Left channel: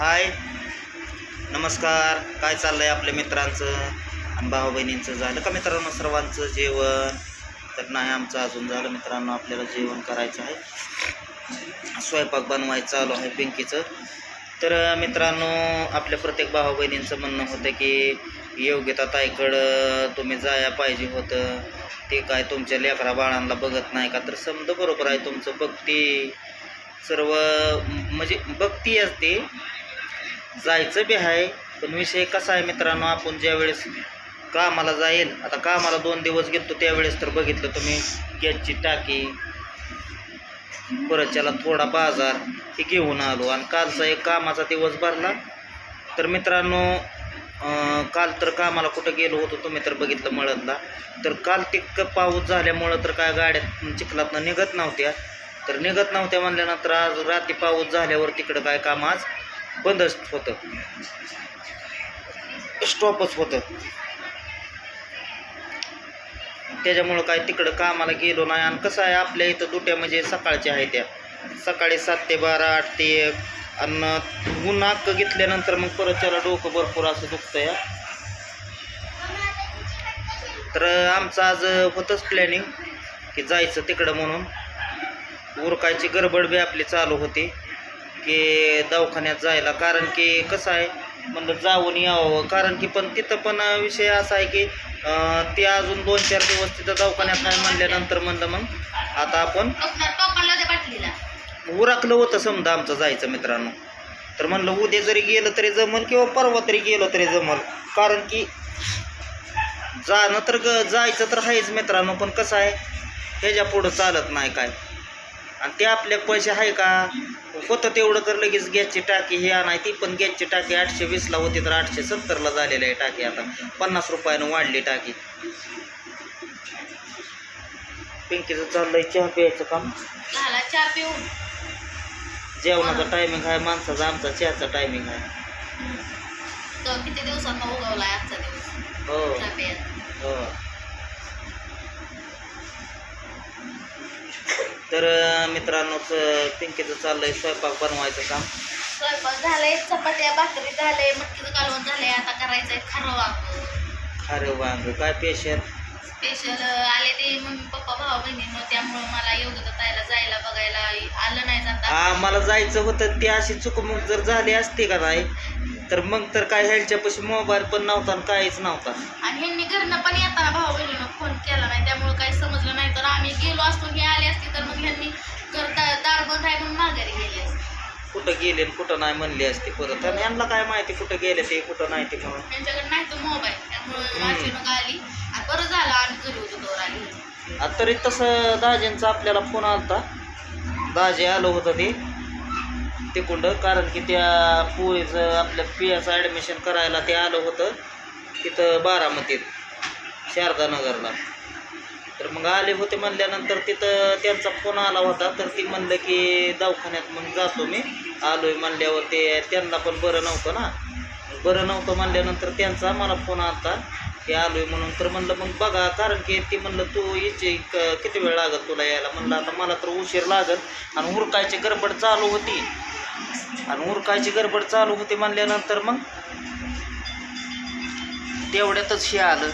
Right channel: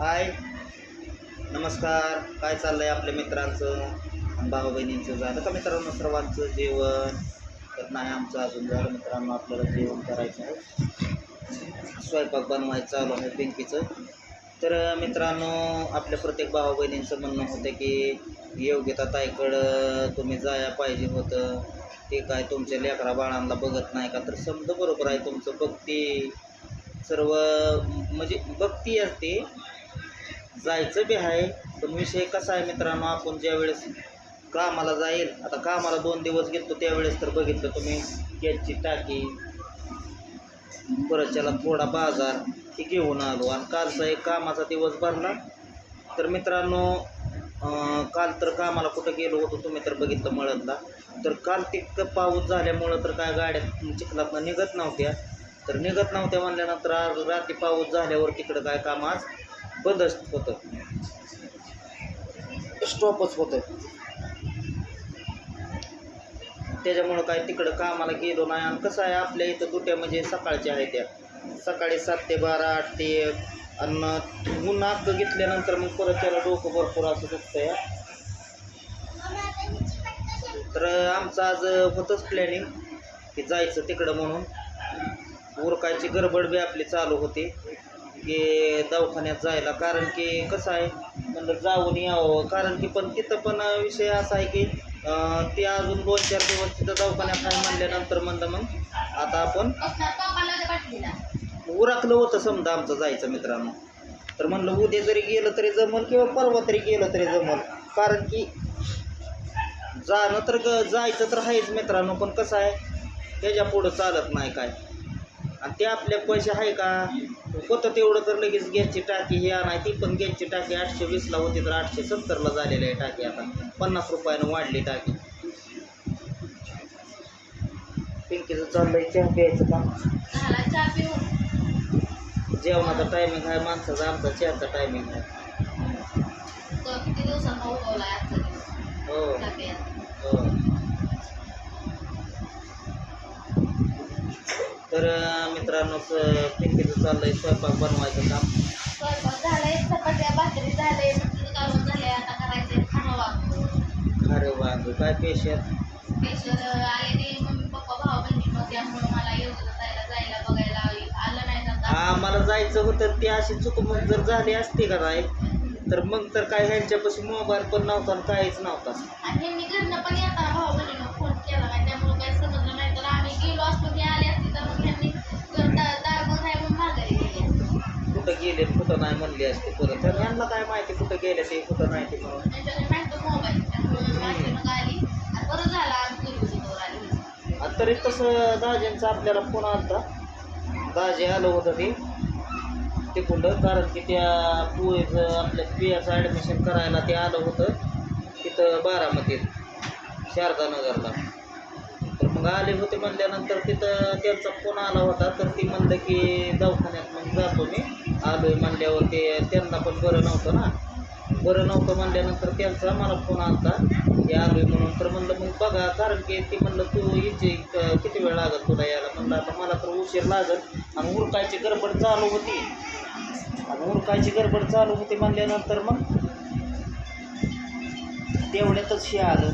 हाय. नमस्कार. काय चाललं आहे आपल्या मित्रांचं आणि भाऊ बहिणींचं झालं का मित्रांनो सर्वांचं जेवण? तर नाही आमचं अजून झालं मित्रांनो आपल्याला जेवण करायचं आहे. स्वयंपाक बनवायचं चालू आहे पिंकीचं. तर मित्रांनो आपल्या प्रत्येक भाऊ बहिणींचं म्हणणं होतं की योग्यता ताईकडं तुम्ही जाया पाहिजे होतं. ते काय तुमच्या लेकरा बाळांना बघत नाही का? तर समजा बरोबर आहे तुमचं भक्ती सर्व म्हणजे बघती असते. जायचं बी आहे पण विषय कसा आहे मित्रांनो आपण ज्यावेळेस कामाला जाईल आता कामाला दोन दिवस घेतो त्यावेळेस तर बघितलं तुम्ही गॅसची टाकी परत त्याला थोडा बाजार हे घेऊन आलो. आणि कालचा एक कामाचा दिवस भरला. तर मित्रांनो काल तर कामाला कुठं गेलो होतो तुम्ही तर बघितलं मळदला. तर काल तितकं पाऊस झाल्यामुळं तर काय गाड्या चिखलातनं निघत नव्हत्या. तर निघत नव्हत्या म्हणल्यानंतर आज रात्री पाऊस झाल्यावर तिकडं काय काम आज बंदच होतं. स्टॉपच होतं. त्याच्यामुळं काय तिकडं कामाला गेलो नाही आणि कसं आहे आपल्या इथं दुट्या म्हणजे सकाळच्या आहे त्या. सकाळी सात ते बारा आठ ते एक. आणि ऊन अक्क घेतल्यानंतर मग परत त्याला डोकं भरपूर असं दुखतं या तर आमचं आज होतंच प्लॅनिंग की जायचं तिकडं म्हणून. उरकायची गडबड बी आपली चालू होती. की दवाखान्यात जायला. कारण की कसं आहे म्हणलं जाऊन यावं. कारण की पण तिथं पण विषय असा आहे की ते अजून दोन चार दिवस तिथं दवाखान्यात आहे म्हणल्यानंतर म्हणलं मग आता आपण उरकलं होतं समजा आमचं जायचं मित्रांनो. तर म्हणलं उद्या जरी गेलं तरी जमल किंवा परवा तरी गेलं तरी जमल. कारण की जाणं तर ग जायचं तर आहेच मित्रांनो पण कसं आहे ह्याच्या पुढं चालत नाही काय. आणि ते आपल्या पैसे आहे का? होतं तेवढं तर लगेच गॅसची टाकी हे आणाय ती पण गॅसची टाकी आठशे वीसला होती तर आठशे सत्तरला झालेली आहे टाकी आता. पन्नास रुपयानं वाढली टाकी. पिंकीचं चाललंय चहा प्यायचं काम चहा जेवणाचा टायमिंग आहे माणसाचा आमचा चहाचा टायमिंग आहे. किती दिवसांना उगवलाय आजचा दिवस? हो. हो. तर मित्रांनो पिंकीचं चाललंय स्वयंपाक बनवायचं काम. स्वयंपाक झालाय चपात्या भाकरी झालंय मटकीचं कालवण झालंय आता करायचंय खारं वांग. अरे वांग काय पेशल स्पेशल आले ते मम्मी पप्पा भाऊ बहिणींनो त्यामुळे मला योग्य ताईला जायला बघायला आलं नाही जाता. आम्हाला जायचं होतं ती अशी चुकमुक जर झाली असती का नाही तर मग तर काय ह्यांच्यापाशी मोबाईल पण नव्हता आणि काहीच नव्हता. आणि ह्यांनी घरनं पण येताना भाऊ बहिणीनं फोन केला नाही त्यामुळे काही समजलं नाही. तर आम्ही गेलो असतो हे आले असते दार बंद आहे म्हणून माघारी गेली असते. कुठं गेले कुठं नाही म्हणली असती परत. आणि यांना काय माहिती कुठं गेले ते कुठं नाही ते म्हणून. त्यांच्याकडे नाही तो मोबाईल. त्यामुळे अचानक आली आणि बरं झालं आम्ही घरी होतो तोवर आली आता तरी तसं दाजींचा आपल्याला फोन आलता. दाजी आलं होतं ते. तिकुंड कारण की त्या पोळीचं आपल्या पियाचं ॲडमिशन करायला ते आलं होतं. तिथं बारामतीत शारदा नगरला मग आले होते म्हणल्यानंतर तिथं त्यांचा फोन आला होता. तर ती म्हणलं की दवाखान्यात मग जातो मी. आलोय म्हणल्यावर ते त्यांना पण बरं नव्हतं ना. बरं नव्हतं म्हणल्यानंतर त्यांचा मला फोन आलता. की आलोय म्हणून तर म्हणलं मग बघा कारण की ती म्हणलं तू यायची क- किती वेळ लागत तुला यायला? म्हणलं आता मला तर उशीर लागत आणि उरकायची गडबड चालू होती. आणि उरकायची गडबड चालू होती म्हणल्यानंतर मग तेवढ्यातच हे आलं.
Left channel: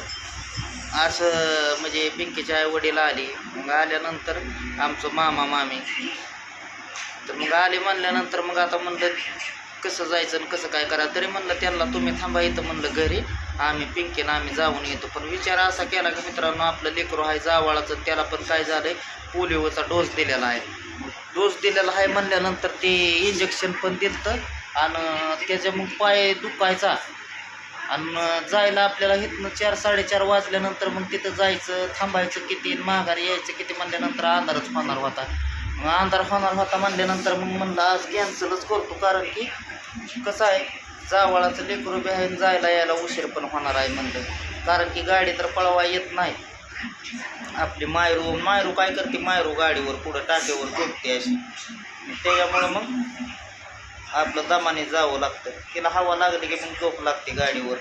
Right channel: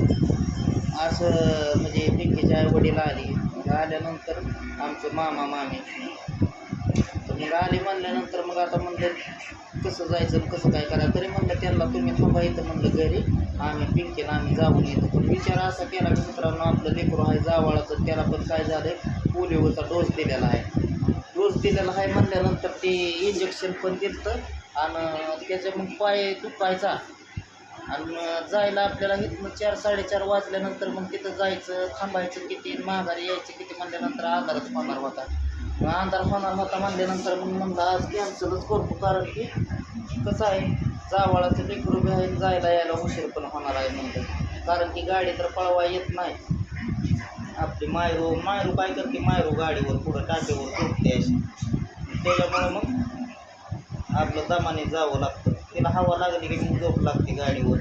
असं म्हणजे पिंकीच्या आई वडील आली. मग आल्यानंतर आमचं मामा मामी. तर मग आले म्हणल्यानंतर मग आता म्हणलं कसं जायचं आणि कसं काय करायचं? तरी म्हणलं त्यांना तुम्ही थांबा इथं म्हणलं घरी. आम्ही पिंकीनं आम्ही जाऊन येतो. पण विचार असा केला की मित्रांनो आपलं लेकरू आहे जावाळाचं त्याला पण काय झालं आहे पोलिओचा डोस दिलेला आहे. डोस दिलेला आहे म्हणल्यानंतर ते इंजेक्शन पण दिलं आणि त्याच्या मग पाय दुखायचा. आणि जायला आपल्याला इथनं चार साडेचार वाजल्यानंतर मग तिथं जायचं थांबायचं किती माघारी यायचं किती म्हणल्यानंतर अंधारच होणार होता. मग अंधार होणार होता म्हणल्यानंतर मग म्हणलं आज कॅन्सलच करतो कारण की कसं आहे जावाळाचं लेकरू बी आहे आणि जायला यायला उशीर पण होणार आहे म्हणलं. कारण की गाडी तर पळवा येत नाही. आपली मायरू मायरू काय करते मायरू गाडीवर पुढं टाकेवर झोपते अशी. त्याच्यामुळं मग आपलं दमाने जावं लागतं. तिला हवा लागली की मग झोप लागते गाडीवर.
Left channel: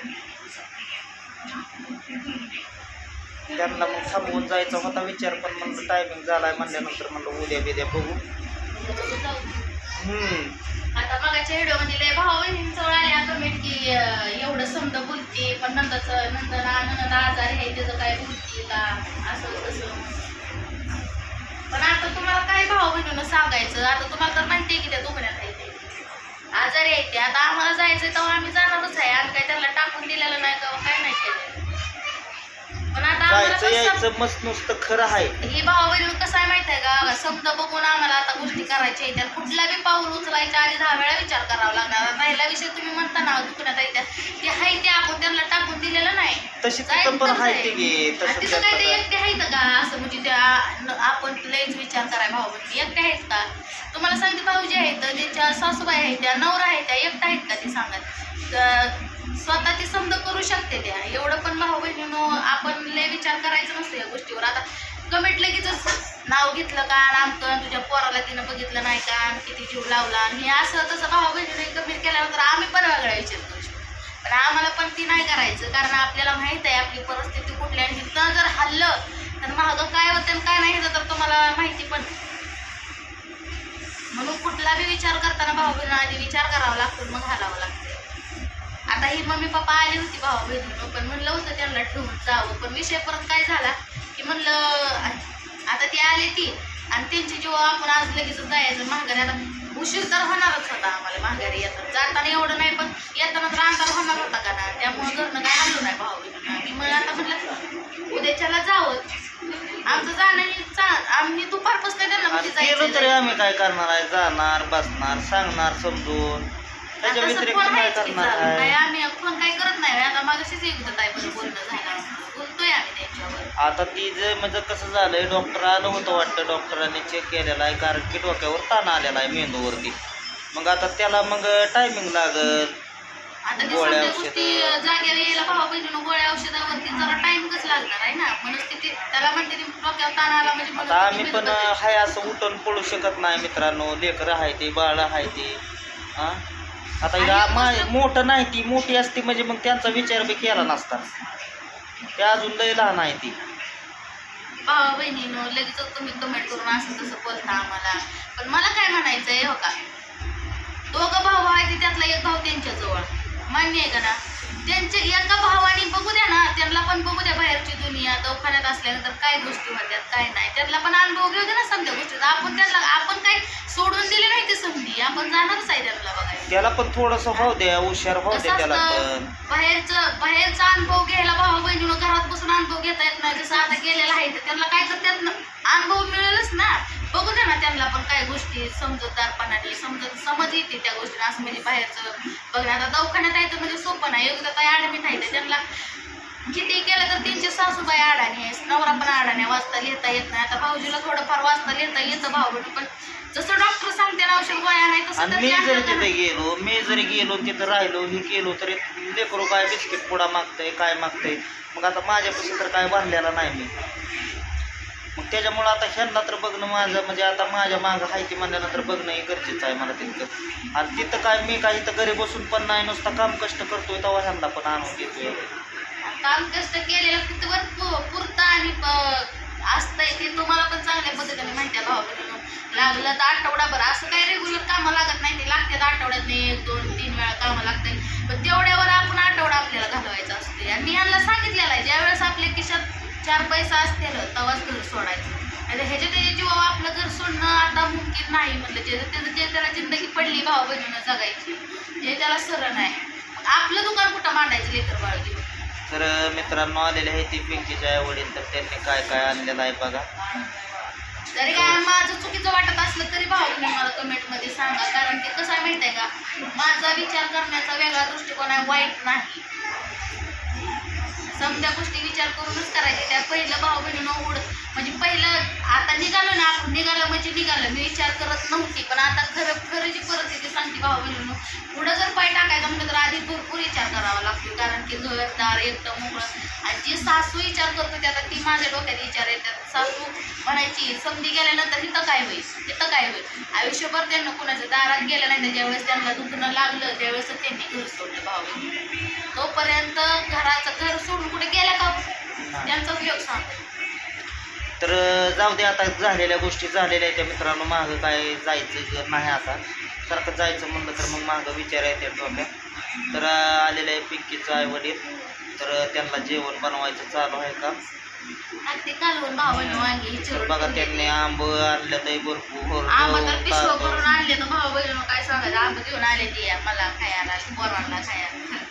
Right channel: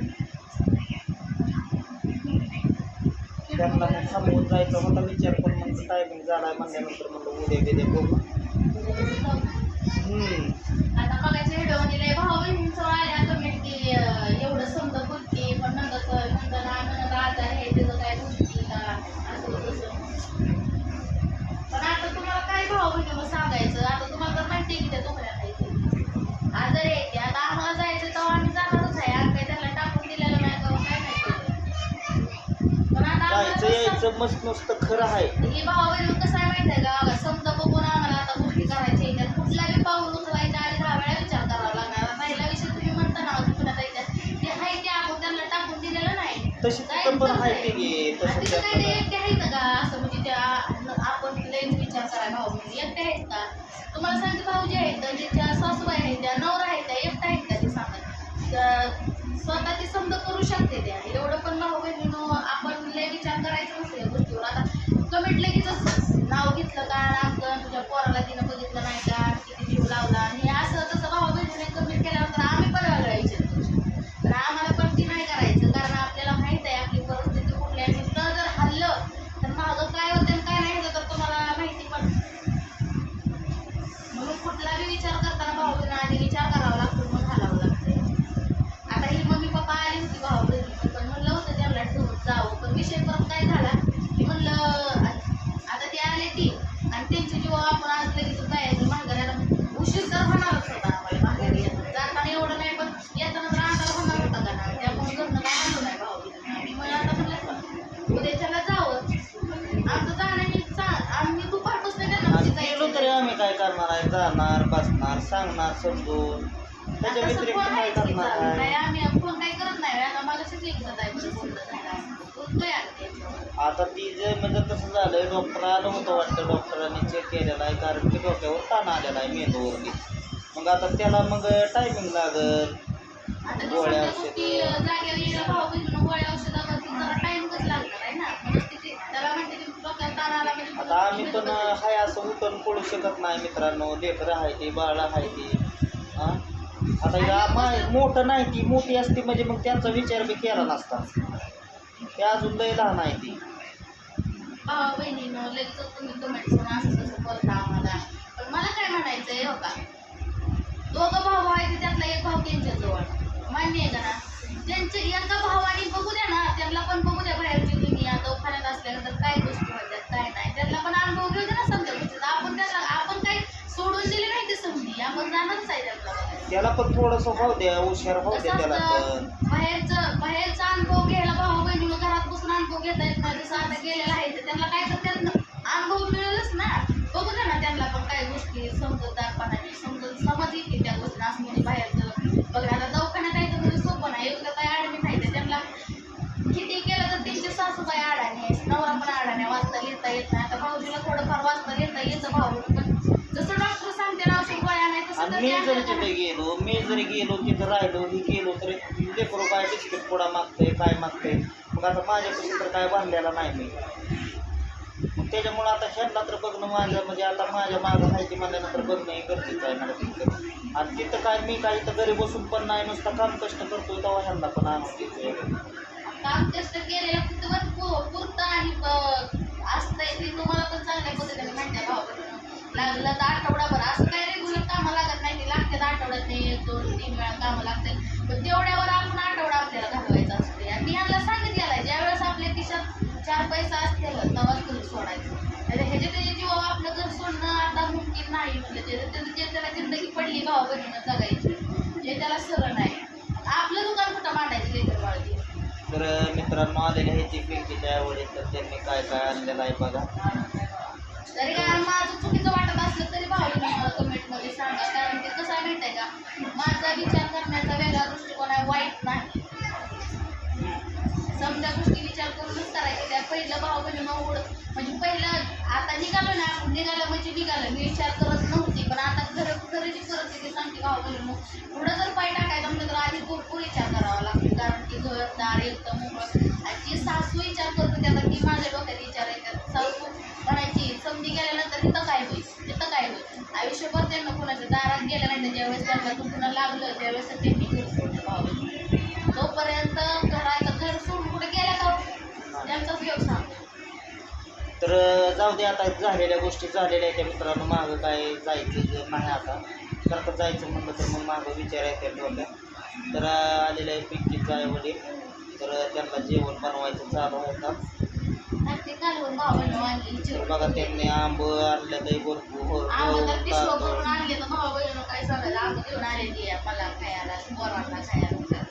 त्यांना मग थांबवून जायचा होता विचार पण म्हणजे टायमिंग झालाय म्हणल्यानंतर म्हणलं उद्या बिद्या बघू. आता भाऊ आल्या की एवढं समजा पण आहे त्याचं काय बोलते का? तसं. पण आता तुम्हाला काय भाऊ सांगायचं? आता तुम्हाला तर की त्या ते. आजारी ते आता आम्हाला जायचं तेव्हा आम्ही जाणारच आहे. आम्ही काय त्यांना टाकून दिलेलं नाही का काय नाही केलं पण आता आम्हाला जायचं कसं यायचं मस्त नुसतं खरं आहे. ही भाऊ बहीण कसं आहे माहिती आहे का? समजा बघून आम्हाला आता गोष्टी करायच्या आहेत. कुठला बी पाऊल उचलायच्या आधी दहा वेळा विचार करावा लागणार. पहिला विषय तुम्ही म्हणता ना दुकानात आहे त्या ते आहे ते आपण त्यांना टाकून दिलेलं नाही. तशी तिथं पण आहे. ते तसं तिथं काय ते एकटे आहेत का? असं म्हणजे त्या न- आपण लयच विचार कराय भाऊ बहिणी एकटे आहेत का? तुम्हाला सांगते भाऊजी आहेत ज्यांच्या सासूबाई आहेत त्या नवरा आहेत त्या एकट्या आहेत का ते सांगत तर स्वतः ती समज करू शकते त्या. एवढं पण भाऊ बहिणीनं आपण लय विचार करायचं नसतं या गोष्टीवर. आता कमेंट लगेचच नाव घेतलं का? रामकन तुझ्या पोराला तिनं बघितलं नाही का? आणि किती जीव लावला? आणि हे असं तसं भाऊ बहिणीने कमेंट केल्यानंतर आम्ही पण वेगळा विचार करू शकतो. पण आम्हाला पण ती नाही करायचं. कारण आपल्याला माहीत आहे आपली परिस्थिती कुठली आणि तिथं जर हल्लं तर मागं काय होतं आणि काय नाही होतं तर तुम्हाला माहिती पण. म्हणून कुठला बी विचार करताना भाऊ बहिण आधी विचार करावा लागतो मग घालावं लागते. आता ही मम्मी पप्पा आली होती भाऊ बहिणी पण म्हणलं होतं त्यांना ठेवून जावं. पण विषय परत काय झाला की म्हणलं आता ती आली ती आणि त्यांची जेव्हा आपण आज लगेच जायचं माघारी. आता उशीर तर होणारच होता आम्हाला माघारी येतात जाताना एवढं नाही पण येताना तर अंतर होणार होता का ना त्यामुळे घरनं काय हल्लो नाही भाऊ बहिणीनं आणि मग आता उद्याच्याला जावं. आमचं जाणं आम्ही दुपारपासून त्यांना म्हणजे गेलो तरी जायचं आम्ही काय करणार आहे? जाणार बसणार सांगणार समजून. त्याच्या आता व्यतिरिक्त फोन काय आहेच की करणार चालू. काय आहे आम्ही फोन काही करत नाही. आता मागाशीच एक होतं ताई बरं बोलणं झालं. आमचं. बोलतोय आम्ही त्यांच्यावर. आता ती जे म्हणजे कसं झालंय डॉक्टर आलं होतं वाटतं. डॉक्टरांनी चेक केलेला आहे. कारण की डोक्यावर ताण आलेला आहे मेंदूवरती. मग आता त्याला मग टायमिंग लागल. आता ते गोळ्या सगळ्या औषधं. गोष्टी जागेवर यायला भावा बहिणीनं गोळ्या औषधावरती जरा लागणार आहे ना. मनस्थिती त्याला म्हणते ती डोक्यावर ताण आला म्हणजे आता मनस्थिती आम्ही पण बिघडते. हाय असं उठून पळू शकत नाही मित्रांनो. लेकरं आहे ती बाळ आहे ती. हा? आता आणि या मा- मोठं नाही ती मोठी असती म्हणजे मग त्यांचा विचार बी केला नसता. ते अजून लय लहान आहे ती. भावा बहिणीनं लगेच तुम्ही कमेंट करून असं तसं बोलता आम्हाला. पण मला काय म्हणायचं आहे हो का? दोघं भाऊ आहे ते त्यातला एक भाऊ त्यांच्याजवळ. मान्य आहे का ना? त्यांच्या एका भावाने बघू द्या ना त्यांना पण बघू द्या बाहेरची दुनिया दवाखान्यात असल्यानंतर काय गोष्टी होत्यात काय नाही. त्यांना पण अनुभव घेऊ दे ना समजा गोष्टीचा. आपण त्यांना आपण काय सोडून दिली नाही ती संधी आपण जाणारच आहे त्यांना बघायला. त्याला पण थोडस होऊ द्या हुशार कसं द्या त्याला पण. बाहेरचं बाहेरचा अनुभव घ्यायला भाऊ बहिणीनं घरात बसून अनुभव घेता येत नाही. जसं आता गेलेला आहे तर त्यांना काय तर त्यातनं अनुभव मिळेलच ना. बघू दे ना त्यांना पण काय गोष्टी समजूतदारपणाने समजत समज येते त्या गोष्टीला असं म्हणजे बाहेरचं. बघ आता दवाखान्यात आहे तर म्हणजे सोपं नाही. एकदा काय ॲडमिट आहे तर त्यांना किती केलं तर त्यांची सासूबाई अडाणी आहे नवरा पण अडाणी वाचता लिहिता येत नाही. आता भाऊजीला थोडंफार वाचता लिहिता येतं भाऊ पण जसं डॉक्टर सांगते ना औषध गोळ्या नाही तसं मी जरी तिथे? गेलो मी जरी गेलो तिथं राहिलो हे केलो तरी लेकरू काय बिस्किट पुडा मागतंय काय मागतंय? मग आता माझ्यापासून तर काय बांधलेला नाही मी. मग त्याच्यामुळं आता ह्यांना तर बघणं माझं म्हणजे आता माझ्या मागं आहे ती म्हणल्यानंतर बघणं हे गरजेचं आहे मला तितकं. आणि तिथं काय मी काही इथं घरी बसून पण नाही नुसतं काम कष्ट करतोय तेव्हा ह्यांना पण आणून देतोय. काम कष्ट केलेलं तिथं पु- पुरतं आणि असतंय ते तुम्हाला पण चांगल्या पद्धतीने माहिती आहे भाऊ लागलं तर आठवडाभर असं काही रेग्युलर कामं लागत नाही ते लागतात आठवड्यात एक दोन तीन वेळा कामं लागतात. पण तेवढ्यावर आपण आठवडा आपल्याला घालवायचा असते आणि मी यांना सांगितलेलं आहे ज्यावेळेस आपल्या चार पैसा असतील तेव्हाच घर सोडायचं. आणि ह्याच्या त्याच्या जीवा आपलं घर सोडणं आता मुमकिन नाही म्हणलं जे त्याचं जे त्याला जिंदगी पडली भाऊ बहिणीनं जगायची. ते त्याला सरळ नाही आपलं दुकान कुठं मांडायचं लेकर बाळ घेऊन तर मित्रांनो आलेले आहे ती पिंकीच्या आई वडील तर त्यांनी काय काय आणलेलं आहे बघा. जरी काय माझं चुकीचं वाटत असलं तरी भाऊ तुम्ही मला कमेंटमध्ये सांगा. कारण ते कसं आहे माहीत आहे का? माझा विचार करण्याचा वेगळा दृष्टिकोन आहे वाईट नाही. समजा गोष्टी विचार करूनच करायचे. त्या पहिलं भाऊ बहिणीनं उड म्हणजे पहिलं आता निघालो ना आपण. निघालं म्हणजे निघालं. मी विचार करत नव्हती. पण आता खरं खरं जी परिस्थिती सांगते भाऊ बहिणीनं पुढं जर पाय टाकायचं म्हटलं तर आधी भरपूर विचार करावा लागतो. कारण की दार एकदम मोकळं. आणि जी सासू विचार करतो त्याला ती माझ्या डोक्यात विचार येतात. सासू म्हणायची संधी गेल्यानंतर तिथं काय होईल? तिथं काय होईल? आयुष्यभर त्यांना कुणाच्या दारात गेलं नाही तर ज्यावेळेस त्यांना दुखणं लागलं त्यावेळेस त्यांनी घर सोडलं भाऊ बहिणी. तोपर्यंत घराचं घर सोडून कुठे गेल्या का हो? त्यांचा उपयोग सांगतो तर जाऊ दे आता झालेल्या गोष्टी झालेल्या आहेत त्या मित्रांनो. मागं काय जायचं ज- नाही आता. सारखं जायचं म्हणलं तर मग मागं विचार येते डोक्यात. तर आलेलं आहे पिंकीचं आई वडील तर त्यांना जेवण बनवायचं चालू आहे का? ते कालवून वांगी तर बघा. त्यांनी आंब आणले ते भरपूर आंबा तर पिशव तांदूळ. करून आणले तर भाऊ बहिणी काय सांगायचं? आंबा घेऊन आले ती मला खायला पोरांना खायला.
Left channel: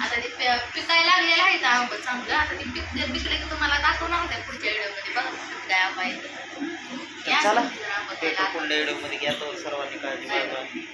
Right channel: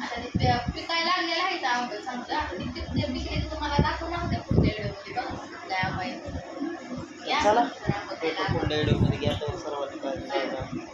आता ते पिकायला लागलेलं आहे आंब चांगलं. आता ते पिकले पिकले की तुम्हाला दाखवणार होत्या पुढच्या व्हिडिओमध्ये. बघा काय आंबा आहे. चला. पुढल्या व्हिडिओमध्ये घ्या सर्वांनी काळजी